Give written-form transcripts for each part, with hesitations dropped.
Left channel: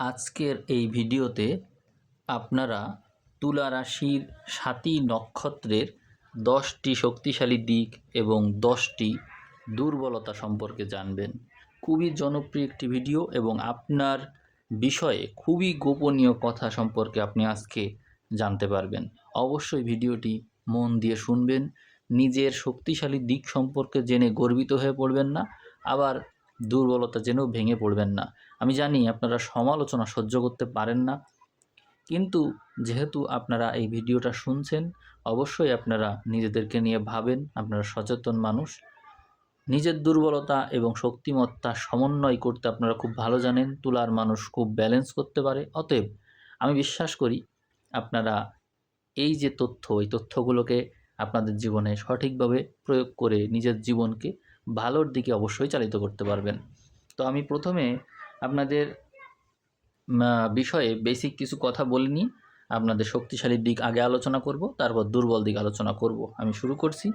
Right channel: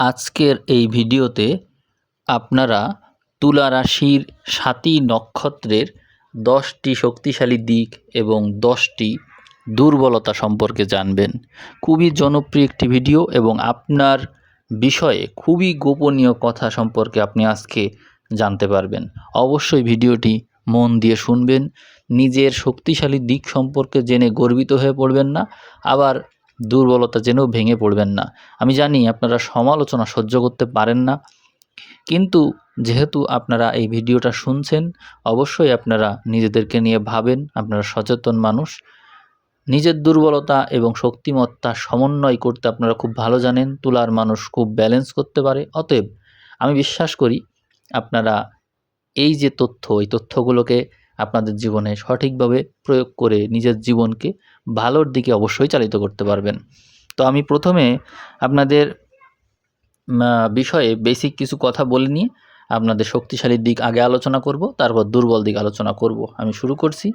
আজকের এই ভিডিওতে আপনারা তুলা রাশির সাতী নক্ষত্রের 10টি শক্তিশালী দিক এবং 10টি দুর্বলতা সম্পর্কে জানবেন। খুবই জনপ্রিয় একটি ভিডিও এবং আপনার বিষয়ে খুবই গোপনীয় কথা সম্পর্কে আপনি আজকে জানতে পারবেন। অবশ্যই ভিডিওটি মন দিয়ে শুনবেন। নিজের শক্তিশালী দিক সম্পর্কে জেনে গর্বিত হয়ে পড়বেন না, আবার দুর্বলতা জেনেও ভেঙে পড়বেন না। আমি জানি আপনারা সমালোচনা সহ্য করতে পারেন না, কিন্তু যেহেতু আপনারা এই ভিডিওটা শুনছেন, অবশ্যই আপনারা নিজেদেরকে নিয়ে ভাবেন। আপনারা সচেতন মানুষ, নিজের দুর্বলতা এবং শক্তিমত্তা সমন্বয় করতে আপনারা খুব ভালো জানেন। তুলার মানুষ খুব ব্যালেন্স করতে পারে। অতএব আমি বিশ্বাস করি আপনারা এই যে তথ্য, এই তথ্যগুলোকে আপনাদের জীবনে সঠিকভাবে প্রয়োগ করে নিজের জীবনকে ভালোর দিকে অবশ্যই চালিত করতে পারবেন। তো আমি প্রথমে আপনাদের বিষয়ে বেসিক কিছু কথা বলে নিয়ে আপনাদের শক্তিশালী দিক আগে আলোচনা করব, তারপর দুর্বল দিক আলোচনা করব। আমি শুরু করছি।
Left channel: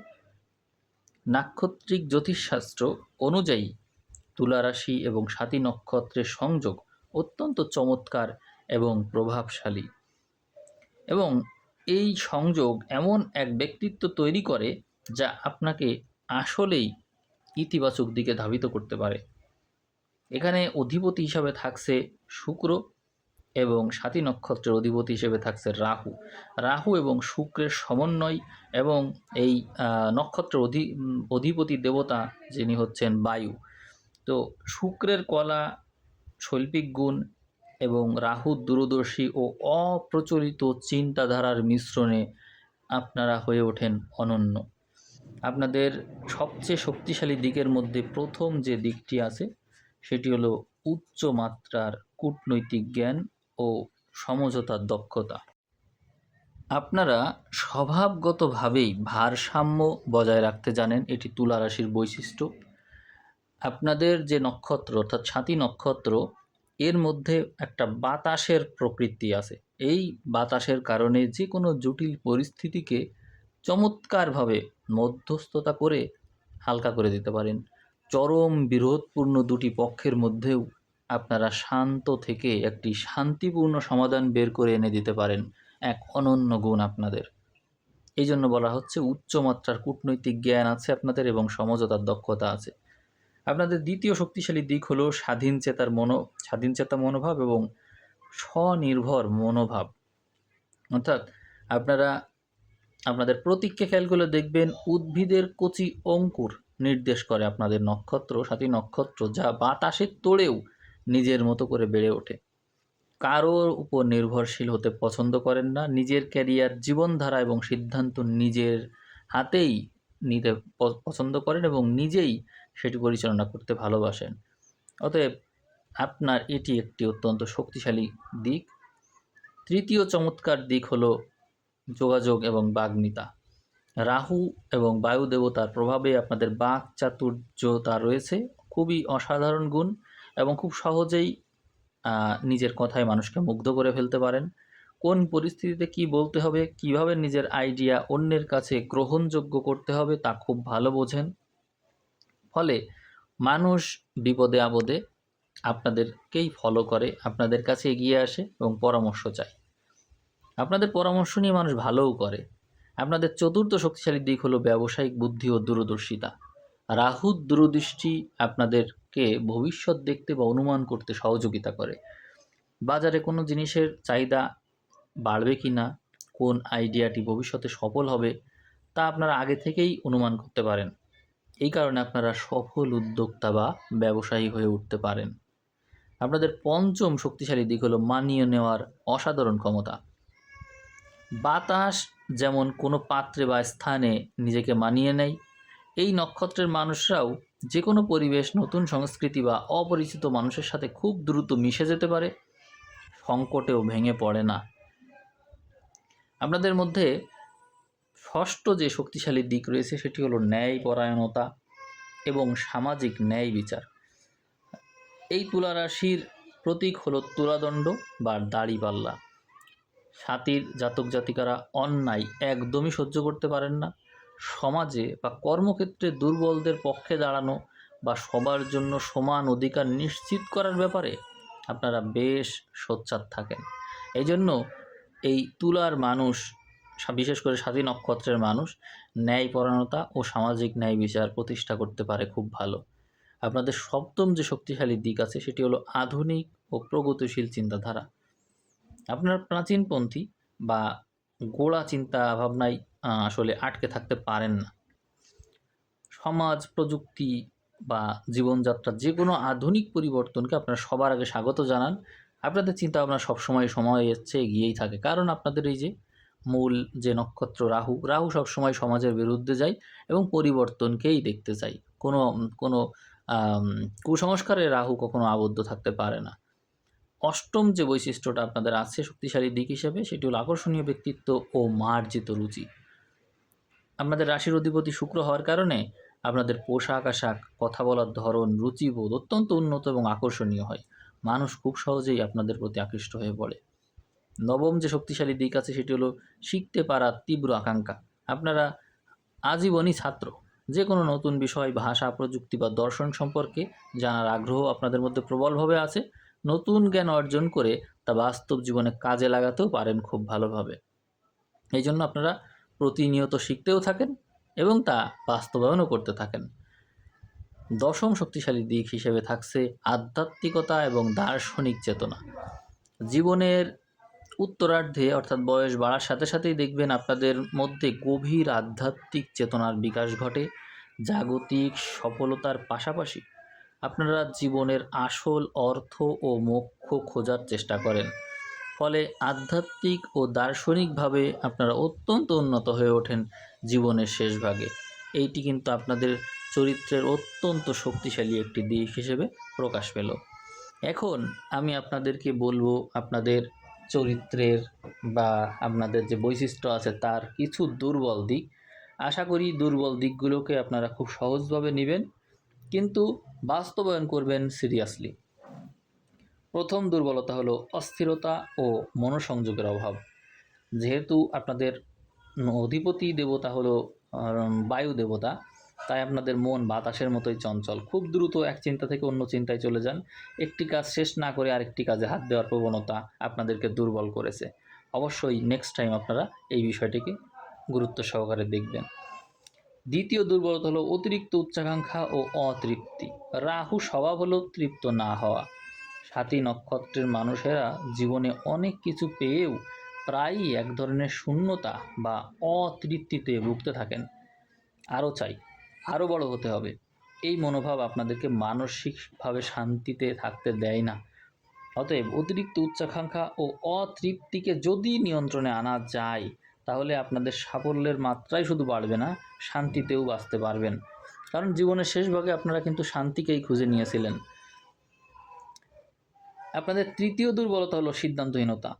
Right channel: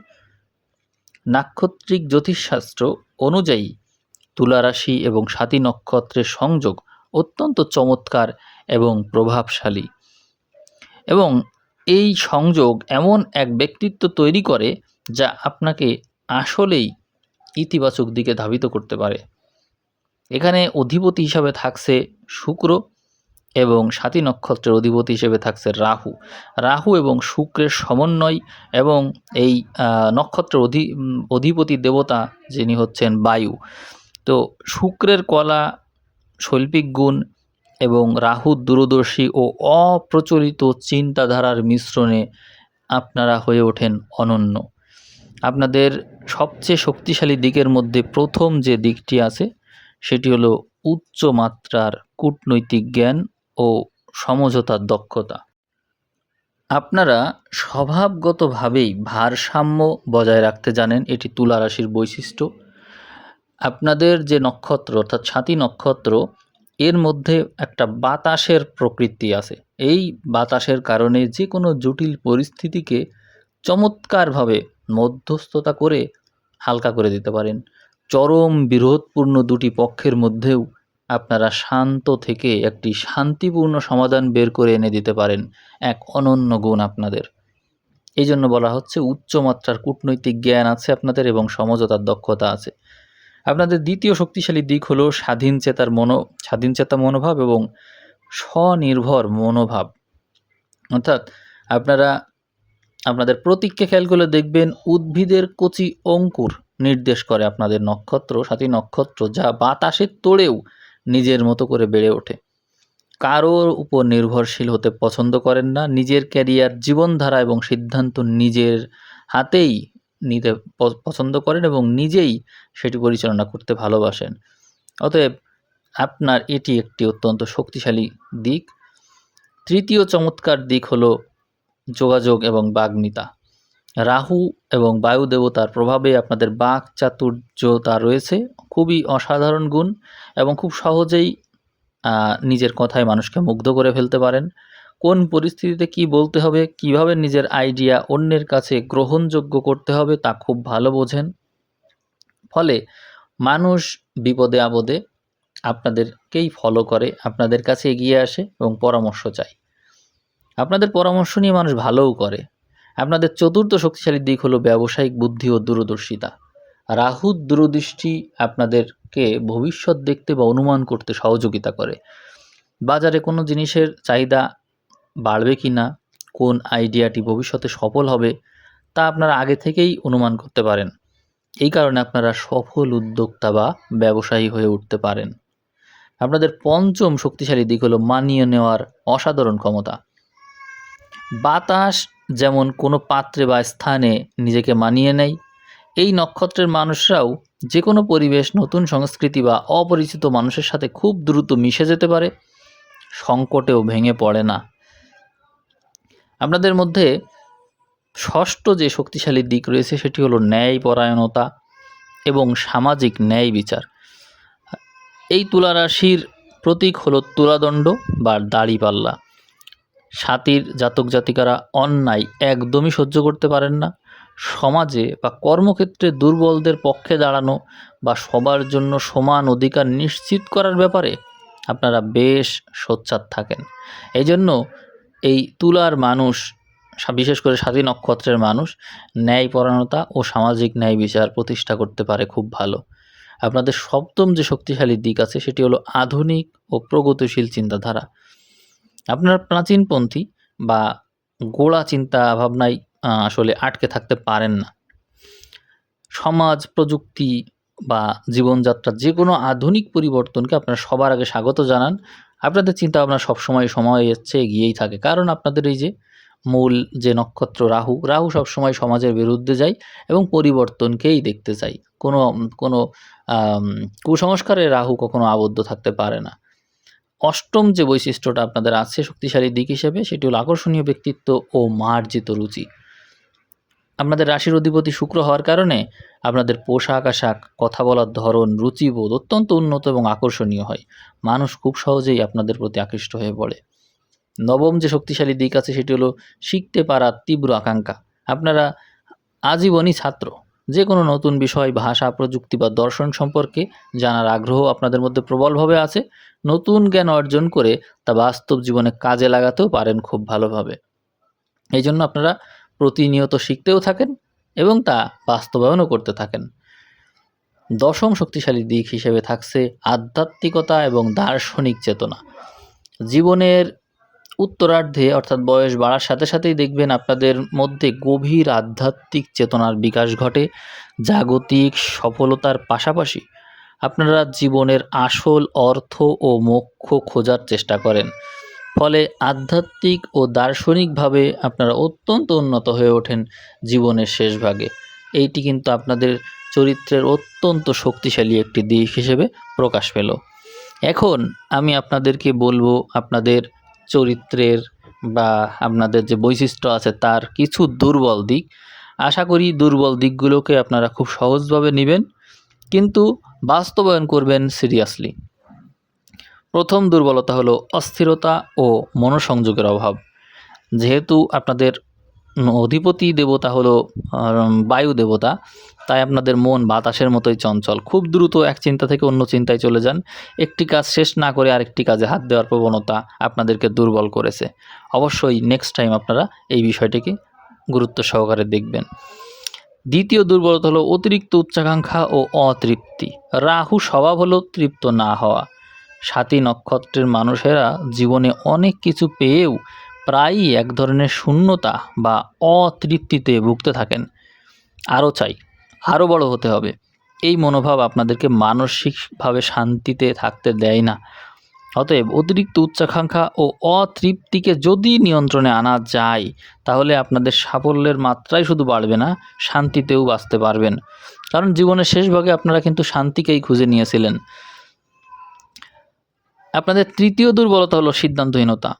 নাক্ষত্রিক জ্যোতিষশাস্ত্র অনুযায়ী তুলা রাশি এবং সাতী নক্ষত্রের সংযোগ অত্যন্ত চমৎকার এবং প্রভাবশালী, এবং এই সংযোগ এমন এক ব্যক্তিত্ব তৈরি করে যা আপনাকে আসলেই ইতিবাচক দিকে ধাবিত করতে পারে। এখানে অধিপতি হিসাবে থাকছে শুক্র এবং সাতী নক্ষত্রের অধিপতি হিসেবে থাকছে রাহু। রাহু এবং শুক্রের সমন্বয়, এবং এই নক্ষত্রের অধিপতি দেবতা যিনি হচ্ছেন বায়ু। তো শুক্রের কলা, শৈল্পিক গুণ এবং রাহুর দূরদর্শী ও অপ্রচলিত চিন্তাধারার মিশ্রণে আপনারা হয়ে ওঠেন অনন্য। আপনাদের সবচেয়ে শক্তিশালী দিকের মধ্যে প্রথম যে দিকটি আছে সেটি হলো উচ্চ মাত্রার কূটনৈতিক জ্ঞান ও সমঝোতার দক্ষতা। আপনারা স্বভাবগতভাবেই ভারসাম্য বজায় রাখতে জানেন, এটি তুলা রাশির বৈশিষ্ট্য। আপনাদের যে নক্ষত্র অর্থাৎ সাতী নক্ষত্র, এর মধ্যে একটা বাতাসের প্রকৃতি আছে। এই বাতাসের কারণে যে কোনো জটিল পরিস্থিতিকে চমৎকারভাবে মধ্যস্থতা করে হালকা করে দিতে পারেন। চরম বিরোধপূর্ণ দুটি পক্ষের মধ্যেও আপনারা শান্ত থেকে একটি শান্তিপূর্ণ সমাধান বের করে এনে দিতে পারেন, এক অনন্য গুণ আপনাদের। এই জন্য বলা হচ্ছে উচ্চমাত্রার কূটনৈতিক জ্ঞান আছে আপনাদের এবং সমঝোতার দক্ষতা আছে। আপনাদের দ্বিতীয় শক্তিশালী দিক হলো স্বাধীনচেতা মনোভাব এবং স্বনির্ভর মনোভাব। অর্থাৎ আপনারা আপনাদের প্রতীককে খেয়াল করে দেখবেন, উদ্ভিদের কচি অঙ্কুর নির্দেশ করে আপনাদের নক্ষত্র, সাতী নক্ষত্র, যা বাতাসের তোড়েও নিজের মতো করে বেড়ে ওঠে। কারোর উপর নির্ভরশীল হতে পছন্দ করেন না। নিজের ক্যারিয়ার, জীবনধারা এবং সিদ্ধান্ত নিজের হাতেই নিতে পছন্দ করেন এবং নিজেই সেটি পরিচালনা করতে ভালোবাসেন। অতএব আপনার এটি একটি অত্যন্ত শক্তিশালী দিক। তৃতীয় চমৎকার দিক হলো যোগাযোগ এবং বাগ্মিতা। রাহু এবং বায়ু দেবতার প্রভাবে আপনাদের বাক চাতুর্যতা রয়েছে, খুবই অসাধারণ গুণ, এবং খুব সহজেই নিজের কথায় মানুষকে মুগ্ধ করে ফেলতে পারেন। কোন পরিস্থিতিতে কি বলতে হবে, কিভাবে নিজের আইডিয়া অন্যের কাছে গ্রহণযোগ্য করতে হবে তা খুব ভালো বোঝেন। ফলে মানুষ বিপদে আপদে আপনাদেরকেই ফলো করে, আপনাদের কাছে এগিয়ে আসে এবং পরামর্শ চায়। আপনাদের পরামর্শ নিয়ে মানুষ ভালোও করে। আপনাদের চতুর্থ শক্তিশালী দিক হলো ব্যবসায়িক বুদ্ধি ও দূরদর্শিতা। রাহুর দূরদৃষ্টি আপনাদেরকে ভবিষ্যৎ দেখতে বা অনুমান করতে সহযোগিতা করে। বাজারে কোনো জিনিসের চাহিদা বাড়বে কি না, কোন আইডিয়াটি ভবিষ্যতে সফল হবে, তা আপনারা আগে থেকেই অনুমান করতে পারেন। এই কারণে আপনারা সফল উদ্যোক্তা বা ব্যবসায়ী হয়ে উঠতে পারেন। আপনাদের পঞ্চম শক্তিশালী দিক হলো মানিয়ে নেওয়ার অসাধারণ ক্ষমতা। বাতাস যেমন কোনো পাত্রে বা স্থানে নিজেকে মানিয়ে নেয়, এই নক্ষত্রের মানুষরাও যে কোনো পরিবেশ, নতুন সংস্কৃতি বা অপরিচিত মানুষের সাথে খুব দ্রুত মিশে যেতে পারে, সংকটেও ভেঙে পড়ে না। আপনাদের মধ্যে ষষ্ঠ যে শক্তিশালী দিক রয়েছে সেটি হলো ন্যায়পরায়ণতা এবং সামাজিক ন্যায় বিচার। এই তুলা রাশির প্রতীক হলো তুলাদণ্ড বা দাড়িপাল্লা। সাতীর জাতক জাতিকারা অন্যায় একদমই সহ্য করতে পারেন না। সমাজে বা কর্মক্ষেত্রে দুর্বলদের পক্ষে দাঁড়ানো বা সবার জন্য সমান অধিকার নিশ্চিত করার ব্যাপারে আপনারা বেশ সোচ্চার থাকেন। এই জন্য এই তুলার মানুষ, বিশেষ করে স্বাতী নক্ষত্রের মানুষ, ন্যায়পরায়ণতা ও সামাজিক ন্যায় বিচার প্রতিষ্ঠা করতে পারে খুব ভালো। আপনাদের সপ্তম যে শক্তিশালী দিক আছে সেটি হলো আধুনিক ও প্রগতিশীল চিন্তাধারা। আপনারা প্রাচীনপন্থী বা গোড়া চিন্তা ভাবনায় আসলে আটকে থাকতে পারেন না। সমাজ, প্রযুক্তি বা জীবনযাত্রার যে কোনো আধুনিক পরিবর্তনকে আপনারা সবার আগে স্বাগত জানান। আপনাদের চিন্তাভাবনা সবসময় সময়ের চেয়ে এগিয়েই থাকে, কারণ আপনাদের এই যে মূল যে নক্ষত্র রাহু, রাহু সবসময় সমাজের বিরুদ্ধে যায় এবং পরিবর্তনকেই দেখতে চায়। কোনো কুসংস্কারে রাহু কখনো আবদ্ধ থাকতে পারে না। অষ্টম যে বৈশিষ্ট্যটা আপনাদের আছে শক্তিশালী দিক হিসেবে, সেটি হলো আকর্ষণীয় ব্যক্তিত্ব ও মার্জিত রুচি। আপনাদের রাশির অধিপতি শুক্র হওয়ার কারণে আপনাদের পোশাক আশাক, কথা বলার ধরন, রুচিবোধ অত্যন্ত উন্নত এবং আকর্ষণীয় হয়। মানুষ খুব সহজেই আপনাদের প্রতি আকৃষ্ট হয়ে পড়ে। নবম যে শক্তিশালী দিক আছে সেটি হলো শিখতে পারার তীব্র আকাঙ্ক্ষা। আপনারা আজীবনই ছাত্র। যে কোনো নতুন বিষয়, ভাষা, প্রযুক্তি বা দর্শন সম্পর্কে জানার আগ্রহ আপনাদের মধ্যে প্রবলভাবে আছে। নতুন জ্ঞান অর্জন করে তা বাস্তব জীবনে কাজে লাগাতেও পারেন খুব ভালোভাবে। এই জন্য আপনারা প্রতিনিয়ত শিখতেও থাকেন এবং তা বাস্তবায়নও করতে থাকেন। দশম শক্তিশালী দিক হিসেবে থাকছে আধ্যাত্মিকতা এবং দার্শনিক চেতনা। জীবনের উত্তরার্ধে অর্থাৎ বয়স বাড়ার সাথে সাথেই দেখবেন আপনাদের মধ্যে গভীর আধ্যাত্মিক চেতনার বিকাশ ঘটে। জাগতিক সফলতার পাশাপাশি আপনারা জীবনের আসল অর্থ ও মোক্ষ খোঁজার চেষ্টা করেন। ফলে আধ্যাত্মিক ও দার্শনিকভাবে আপনারা অত্যন্ত উন্নত হয়ে ওঠেন জীবনের শেষ ভাগে। এইটি কিন্তু আপনাদের চরিত্রের অত্যন্ত শক্তিশালী একটি দিক হিসেবে প্রকাশ পেল। এখন আমি আপনাদেরকে বলবো আপনাদের চরিত্রের বা আপনাদের যে বৈশিষ্ট্য আছে তার কিছু দুর্বল দিক। আশা করি দুর্বল দিকগুলোকে আপনারা খুব সহজভাবে নেবেন, কিন্তু বাস্তবায়ন করবেন সিরিয়াসলি। প্রথম দুর্বলতা হলো অস্থিরতা ও মনোসংযোগের অভাব। যেহেতু আপনাদের অধিপতি দেবতা হলো বায়ু দেবতা, তাই আপনাদের মন বাতাসের মতোই চঞ্চল। খুব দ্রুত এক চিন্তা থেকে অন্য চিন্তায় চলে যান। একটি কাজ শেষ না করে আরেকটি কাজে হাত দেওয়ার প্রবণতা আপনাদেরকে দুর্বল করেছে। অবশ্যই নেক্সট টাইম আপনারা এই বিষয়টিকে গুরুত্ব সহকারে দেখবেন। দ্বিতীয় দুর্বলতা হলো অতিরিক্ত উচ্চাকাঙ্ক্ষা ও অতৃপ্তি। রাহু স্বভাব হলো তৃপ্ত না হওয়া। স্বাতী নক্ষত্রের মানুষেরা জীবনে অনেক কিছু পেয়েও প্রায়ই এক ধরনের শূন্যতা বা অতৃপ্তিতে ভুগতে থাকেন। আরও চাই, আরও বড় হতে হবে, এই মনোভাব আপনাদেরকে মানসিকভাবে শান্তিতে থাকতে দেয় না। অতএব অতিরিক্ত উচ্চাকাঙ্ক্ষা ও অতৃপ্তিকে যদি নিয়ন্ত্রণে আনা যায়, তাহলে আপনাদের সাফল্যের মাত্রাই শুধু বাড়বে না, শান্তিতেও বাঁচতে পারবেন। কারণ জীবনের শেষ ভাগে আপনারা কিন্তু শান্তিকেই খুঁজে নিয়েছিলেন। আপনাদের তৃতীয় দুর্বলতা হলো সিদ্ধান্তহীনতা।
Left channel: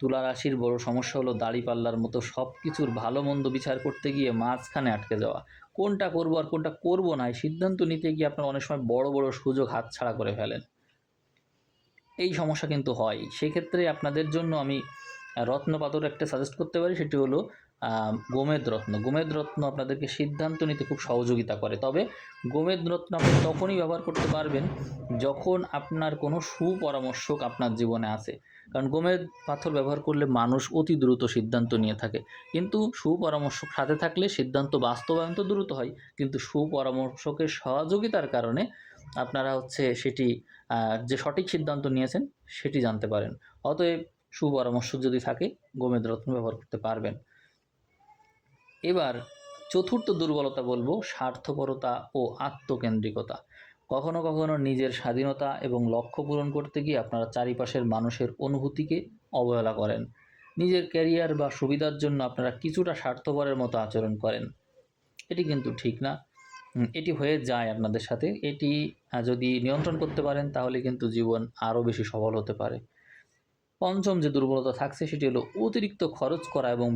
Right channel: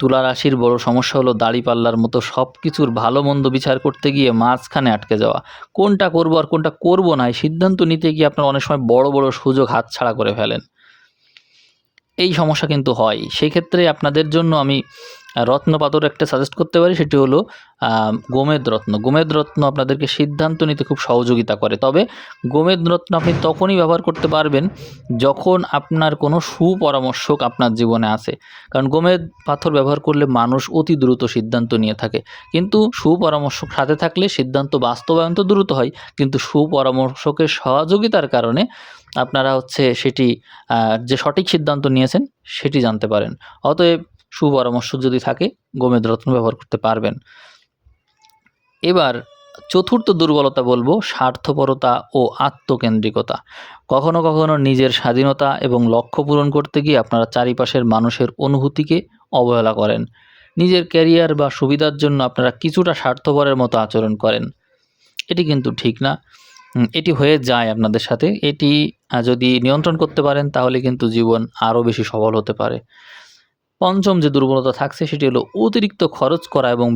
তুলা রাশির বড় সমস্যা হলো দাড়িপাল্লার মতো সব কিছুর ভালো মন্দ বিচার করতে গিয়ে মাঝখানে আটকে যাওয়া। কোনটা করবো আর কোনটা করবো না, এই সিদ্ধান্ত নিতে গিয়ে আপনারা অনেক সময় বড় বড় সুযোগ হাতছাড়া করে ফেলেন। এই সমস্যা কিন্তু হয়। সেক্ষেত্রে আপনাদের জন্য আমি রত্নপাথর একটা সাজেস্ট করতে পারি, সেটি হলো গোমেদ রত্ন। গোমেদ রত্ন আপনাদেরকে সিদ্ধান্ত নিতে খুব সহযোগিতা করে। তবে গোমেদ রত্ন আপনি তখনই ব্যবহার করতে পারবেন যখন আপনার কোনো সুপরামর্শক আপনার জীবনে আসে। কারণ গোমেদ পাথর ব্যবহার করলে মানুষ অতি দ্রুত সিদ্ধান্ত নিয়ে থাকে, কিন্তু সুপরামর্শক সাথে থাকলে সিদ্ধান্ত বাস্তবায়ন তো দ্রুত হয়, কিন্তু সুপরামর্শকের সহযোগিতার কারণে আপনারা সেটি যে সঠিক সিদ্ধান্ত নিয়েছেন সেটি জানতে পারেন। অতএব সুপরামর্শ যদি থাকে, গোমেদ রত্ন ব্যবহার করতে পারবেন। এবার চতুর্থ দুর্বলতা বলবো স্বার্থপরতা ও আত্মকেন্দ্রিকতা। কখনো কখনো নিজের স্বাধীনতা এবং লক্ষ্য পূরণ করতে গিয়ে আপনারা চারিপাশের মানুষের অনুভূতিকে অবহেলা করেন। নিজের ক্যারিয়ার বা সুবিধার জন্য আপনারা কিছুটা স্বার্থপরের মতো আচরণ করেন। এটি কিন্তু ঠিক না। এটি হয়ে যায় আপনাদের সাথে। এটি যদি নিয়ন্ত্রণ করতে পারেন তাহলে কিন্তু জীবন আরও বেশি সফল হতে পারে। পঞ্চম যে দুর্বলতা থাকছে সেটি হলো অতিরিক্ত খরচ করা এবং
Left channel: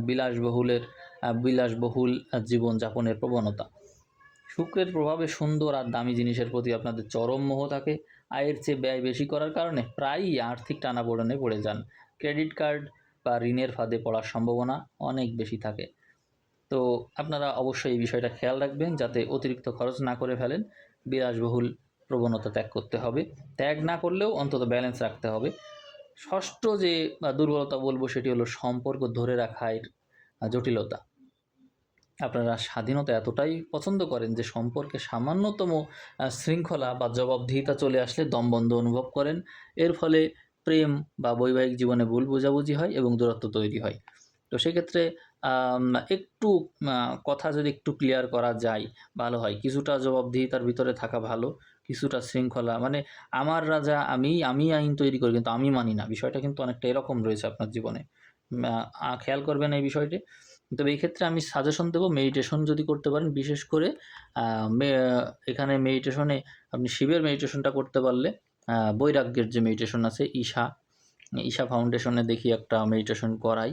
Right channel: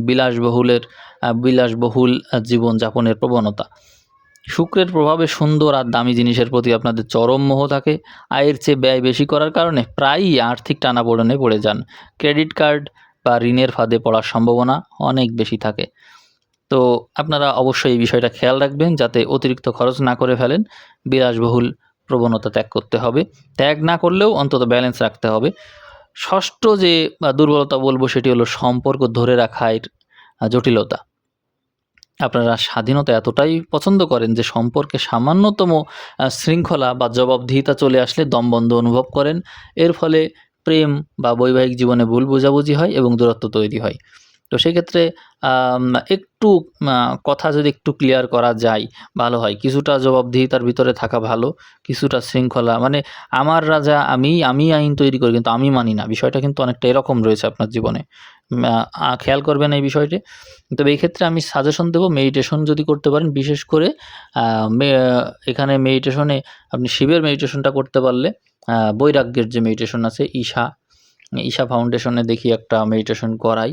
বিলাসবহুল জীবনযাপনের প্রবণতা। শুক্রের প্রভাবে সুন্দর আর দামি জিনিসের প্রতি আপনাদের চরম মোহ থাকে। আয়ের চেয়ে ব্যয় বেশি করার কারণে প্রায়ই আর্থিক টানাপোড়েনে পড়ে যান। ক্রেডিট কার্ড বা ঋণের ফাঁদে পড়ার সম্ভাবনা অনেক বেশি থাকে। তো আপনারা অবশ্যই এই বিষয়টা খেয়াল রাখবেন যাতে অতিরিক্ত খরচ না করে ফেলেন, বিলাসবহুল প্রবণতা ত্যাগ করতে হবে। ত্যাগ না করলেও অন্তত ব্যালেন্স রাখতে হবে। ষষ্ঠ যে দুর্বলতা বলবো সেটি হলো সম্পর্ক ধরে রাখার জটিলতা। আপনারা স্বাধীনতা এতটাই পছন্দ করেন যে সম্পর্কে সামান্যতম শৃঙ্খলা বা জবাবদিহিতা চলে আসলে দমবন্ধ অনুভব করেন। এর ফলে প্রেম বা বৈবাহিক জীবনে ভুল বোঝাবুঝি হয় এবং দূরত্ব তৈরি হয়। তো সেক্ষেত্রে একটু কথা যদি একটু ক্লিয়ার করা যায় ভালো হয়। কিছুটা জবাবদিহিতার ভিতরে থাকা ভালো, কিছুটা শৃঙ্খলা মানে আমার রাজা আমি আইন তৈরি করি কিন্তু আমি মানি না। বিষয়টা কিন্তু অনেকটা এরকম রয়েছে আপনার জীবনে। খেয়াল করবেন এই বিষয়টি। তবে এই ক্ষেত্রে আমি সাজেশন দেব মেডিটেশন যদি করতে পারেন, বিশেষ করে এখানে মেডিটেশনে আপনি শিবের মেডিটেশনটা করতে পারলে বৈরাগ্যের যে মেডিটেশন আছে ঈশা ফাউন্ডেশনে দেখি একটা মেডিটেশন করাই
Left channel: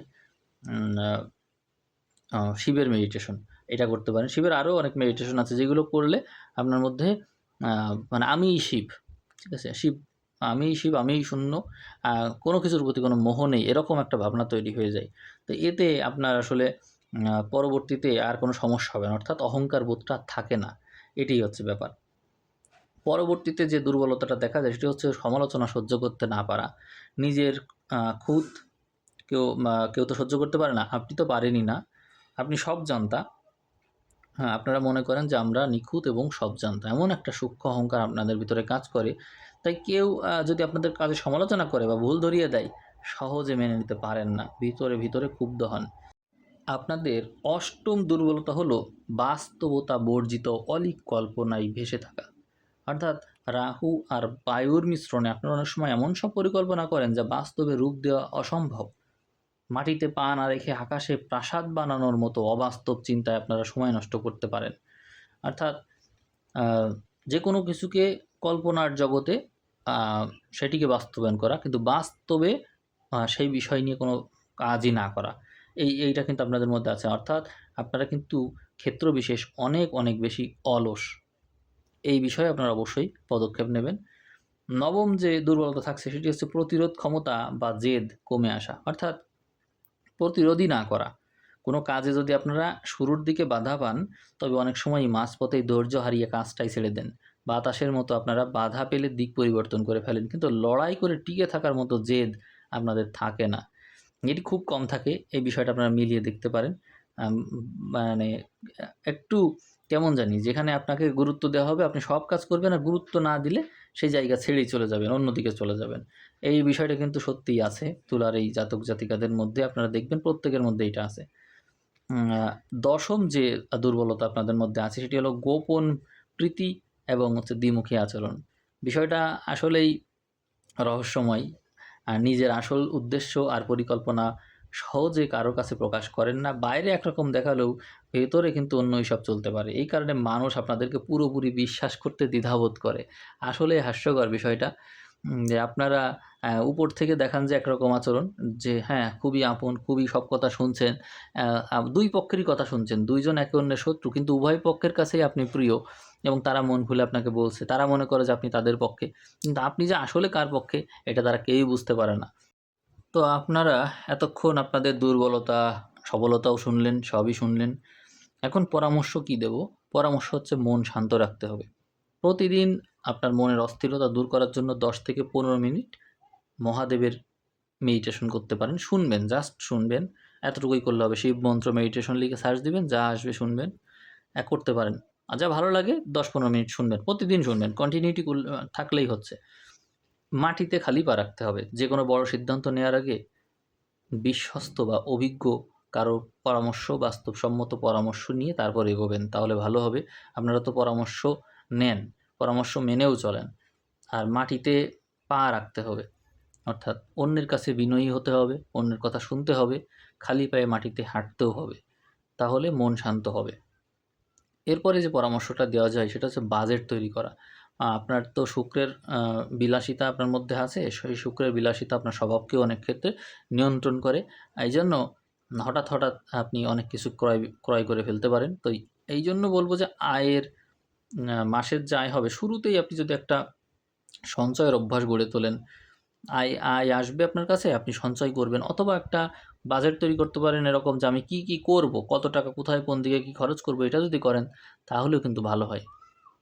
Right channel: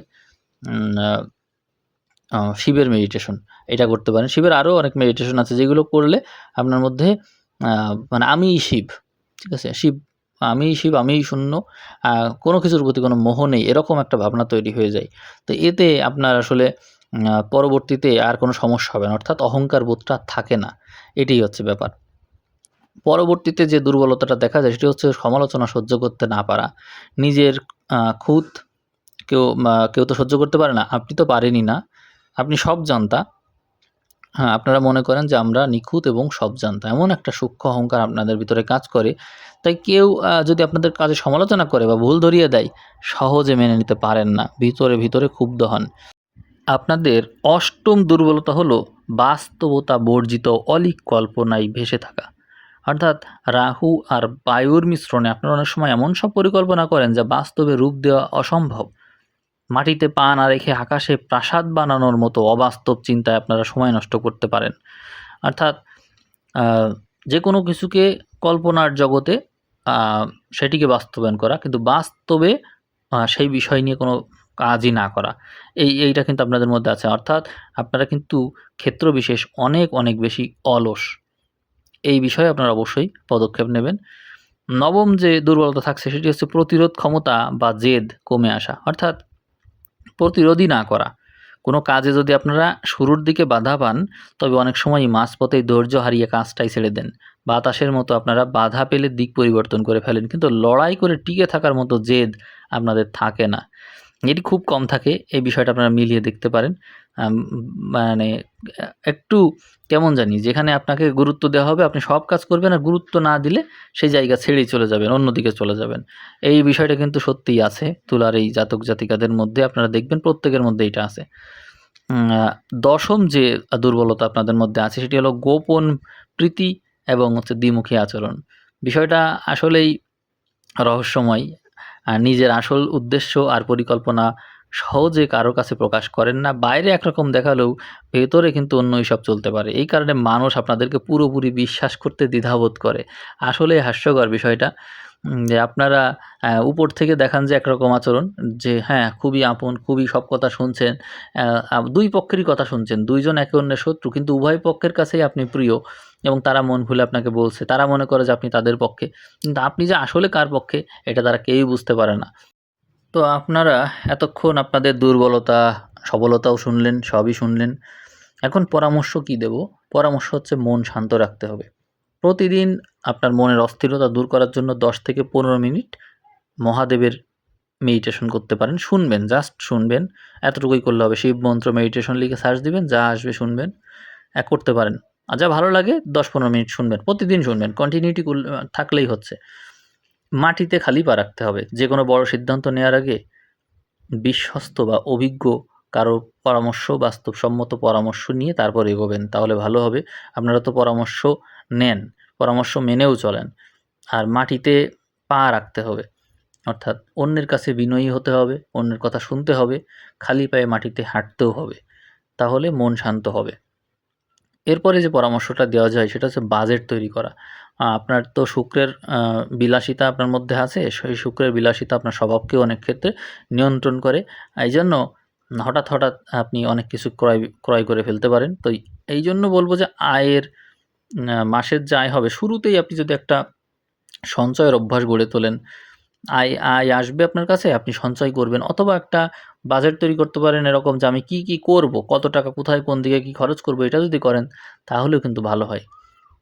শিবের মেডিটেশন, এটা করতে পারেন। শিবের আরও অনেক মেডিটেশন আছে যেগুলো করলে আপনার মধ্যে মানে আমিই শিব, ঠিক আছে? আমিই শিব, আমিই শূন্য, কোনো কিছুর প্রতি কোনো মোহ নেই, এরকম একটা ভাবনা তৈরি হয়ে যায়। তো এতে আপনার আসলে পরবর্তীতে আর কোনো সমস্যা হবে না, অর্থাৎ অহংকার বোধটা থাকে না, এটাই হচ্ছে ব্যাপার। পরবর্তীতে যে দুর্বলতাটা দেখা যায় সেটি হচ্ছে সমালোচনা সহ্য করতে না পারা। নিজের খুঁত কেউ তো সহ্য করতে পারে না, আপনি তো পারেনই না। আপনি সব জানতা। হ্যাঁ, আপনারা মনে করেন যে আমরা নিখুঁত এবং সব জানতা। এমন একটা সূক্ষ্ম অহংকার আপনাদের ভিতরে কাজ করে। তাই কেউ যদি আপনাদের কাজে সমালোচনা করে বা ভুল ধরিয়ে দেয়, সহজে মেনে নিতে পারেন না। ভিতরে ক্ষুব্ধ হন। আপনাদের অষ্টম দুর্বলতা হলো বাস্তবতা বর্জিত অলীক কল্পনায় ভেসে থাকা। অর্থাৎ রাহু আর বায়ুর মিশ্রণে আপনারা অনেক সময় এমন সব পরিকল্পনা করেন যা বাস্তবে রূপ দেওয়া অসম্ভব। মাটিতে পা না রেখে আকাশে প্রাসাদ বানানোর মতো অবাস্তব চিন্তায় আপনারা সময় নষ্ট করতে পারেন। অর্থাৎ যে কোনো কিছুকে কল্পনার জগতে সেটিকে বাস্তবায়ন করা, কিন্তু বাস্তবে সেই বিষয় নিয়ে কোনো কাজই না করা। এইটা কিন্তু আপনাদের মধ্যে আছে। অর্থাৎ আপনারা কিন্তু ক্ষেত্রবিশেষ অনেক বেশি অলস। এই বিষয়ে আপনারা অবশ্যই পদক্ষেপ নেবেন। নবম যে দুর্বলতা থাকছে সেটি হচ্ছে প্রতিরোধ ক্ষমতা বা জেদ কমে আসা। অর্থাৎ প্রতিরোধই না করা। কোনো কাজে যদি আপনারা শুরুর দিকে বাধা পান, তবে অনেক সময়ই মাঝপথেই ধৈর্য হারিয়ে কাজটাই ছেড়ে দেন। বাতাসের মতো আপনারা বাধা পেলে দিক পরিবর্তন করে ফেলেন। কিন্তু লড়াই করে টিকে থাকার মতো জেদ আপনাদের থাকে না। এটি খুব কম থাকে। এই বিষয়টা আপনারা মিলিয়ে দেখতে পারেন। মানে একটু কেমন জানি যেখানে আপনাকে গুরুত্ব দেওয়া হবে আপনি সব কাজ করবেন, আর গুরুত্ব না দিলে সেই জায়গা ছেড়েই চলে যাবেন, অন্যদিকে চলে যাবেন। এই বিষয়টা কিন্তু সত্যিই আছে তুলার এই জাতক জাতিকাদের মধ্যে, আপনারা দেখবেন প্রত্যেকের মধ্যে এটা আছে। দশম যে দুর্বলতা আপনাদের মধ্যে আছে সেটি হলো গোপন প্রীতি এবং হচ্ছে দ্বিমুখী আচরণ। বিষয়টা আসলেই রহস্যময়। নিজের আসল উদ্দেশ্য আর পরিকল্পনা সহজে কারো কাছে প্রকাশ করেন না। বাইরে একরকম দেখালেও ভেতরে কিন্তু অন্যই সব চলতে পারে। এই কারণে মানুষ আপনাদেরকে পুরোপুরি বিশ্বাস করতে দ্বিধাবোধ করে। আসলেই হাস্যকর বিষয়টা। যে আপনারা উপর থেকে দেখান যে একরকম আচরণ, যে হ্যাঁ, খুবই আপন, খুবই সব কথা শুনছেন। ২ পক্ষেরই কথা শুনছেন। ২ জন একে অন্যের শত্রু, কিন্তু উভয় পক্ষের কাছেই আপনি প্রিয় এবং তারা মন খুলে আপনাকে বলছে। তারা মনে করে যে আপনি তাদের পক্ষে। কিন্তু আপনি যে আসলে কার পক্ষে এটা তারা কেউই বুঝতে পারে না। তো আপনারা এতক্ষণ আপনাদের দুর্বলতা, সবলতাও শুনলেন, সবই শুনলেন। এখন পরামর্শ কি দেব? পরামর্শ হচ্ছে মন শান্ত রাখতে হবে। প্রতিদিন আপনার মনের অস্থিরতা দূর করার জন্য ১০ থেকে ১৫ মিনিট মহাদেবের মেডিটেশন করতে পারেন। শুনবেন, জাস্ট শুনবেন। এতটুকুই করলে হবে। শিব মন্ত্র মেডিটেশন লিখে সার্চ দিবেন, যা আসবে শুনবেন। করতে পারেন। আর যা ভালো লাগে ১০-১৫ মিনিট শুনবেন। প্রতিদিন শুনবেন। কন্টিনিউটি থাকলেই হচ্ছে। মাটিতে খালি পা রাখতে হবে। যেকোনো বড় সিদ্ধান্ত নেওয়ার আগে বিশ্বস্ত বা অভিজ্ঞ কারো পরামর্শ, বাস্তবসম্মত পরামর্শ নিয়ে তারপর এগোবেন। তাহলে ভালো হবে। আপনারা তো পরামর্শ নেন, পরামর্শ মেনেও চলেন। আর মাটিতে পা রাখতে হবে। অর্থাৎ অন্যের কাছে বিনয়ী হতে হবে, অন্যের কথা শুনতে হবে, খালি পায়ে মাটিতে হাঁটতেও হবে। তাহলে মন শান্ত হবে। এরপরে যে পরামর্শটা দেওয়া যায় সেটা হচ্ছে বাজেট তৈরি করা। আপনার তো শুক্রের বিলাসিতা আপনার মধ্যে আছে। সেই শুক্রের বিলাসিতা আপনার স্বভাবকেও অনেক ক্ষেত্রে নিয়ন্ত্রণ করে। এইজন্য হঠাৎ আপনি অনেক কিছু ক্রয় করে ফেলতে পারেন। তো এইজন্য বলব যে আয়ের মাসের যে আয় হবে শুরুতেই আপনি যদি একটা সঞ্চয়ের অভ্যাস গড়ে তোলেন, আয় আসবে আপনার কাছে, আপনি সঞ্চয় করবেন, অথবা একটা বাজেট তৈরি করতে পারেন এরকম যে আমি কি করব, কত টাকা কোথায় কোন দিকে কি খরচ করব, এটা যদি করেন তাহলেও কিন্তু ভালো হয়।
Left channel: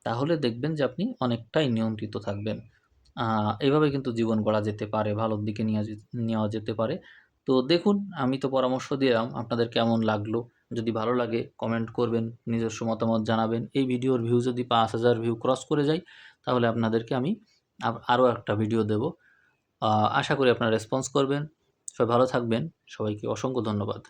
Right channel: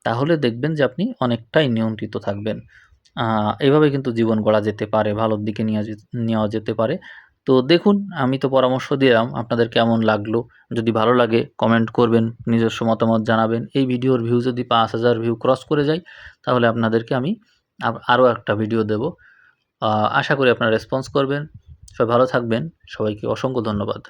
তাহলে দেখবেন যে আপনি অনেকটাই নিয়ন্ত্রিত থাকবেন। এভাবে কিন্তু জীবন গড়া যেতে পারে, ভালোর দিকে নেওয়া যেতে পারে। তো দেখুন, আমি তো পরামর্শ দিলাম, আপনাদের কেমন লাগলো? যদি ভালো লাগে কমেন্ট করবেন, নিজস্ব মতামত জানাবেন। এই ভিডিওর ভিউ যদি ৫,০০০ ভিউ ক্রস করে যায়, তাহলে আপনাদেরকে আমি আরও একটা ভিডিও দেব। আশা করি আপনারা রেসপন্স করবেন। সবাই ভালো থাকবেন। সবাইকে অসংখ্য ধন্যবাদ।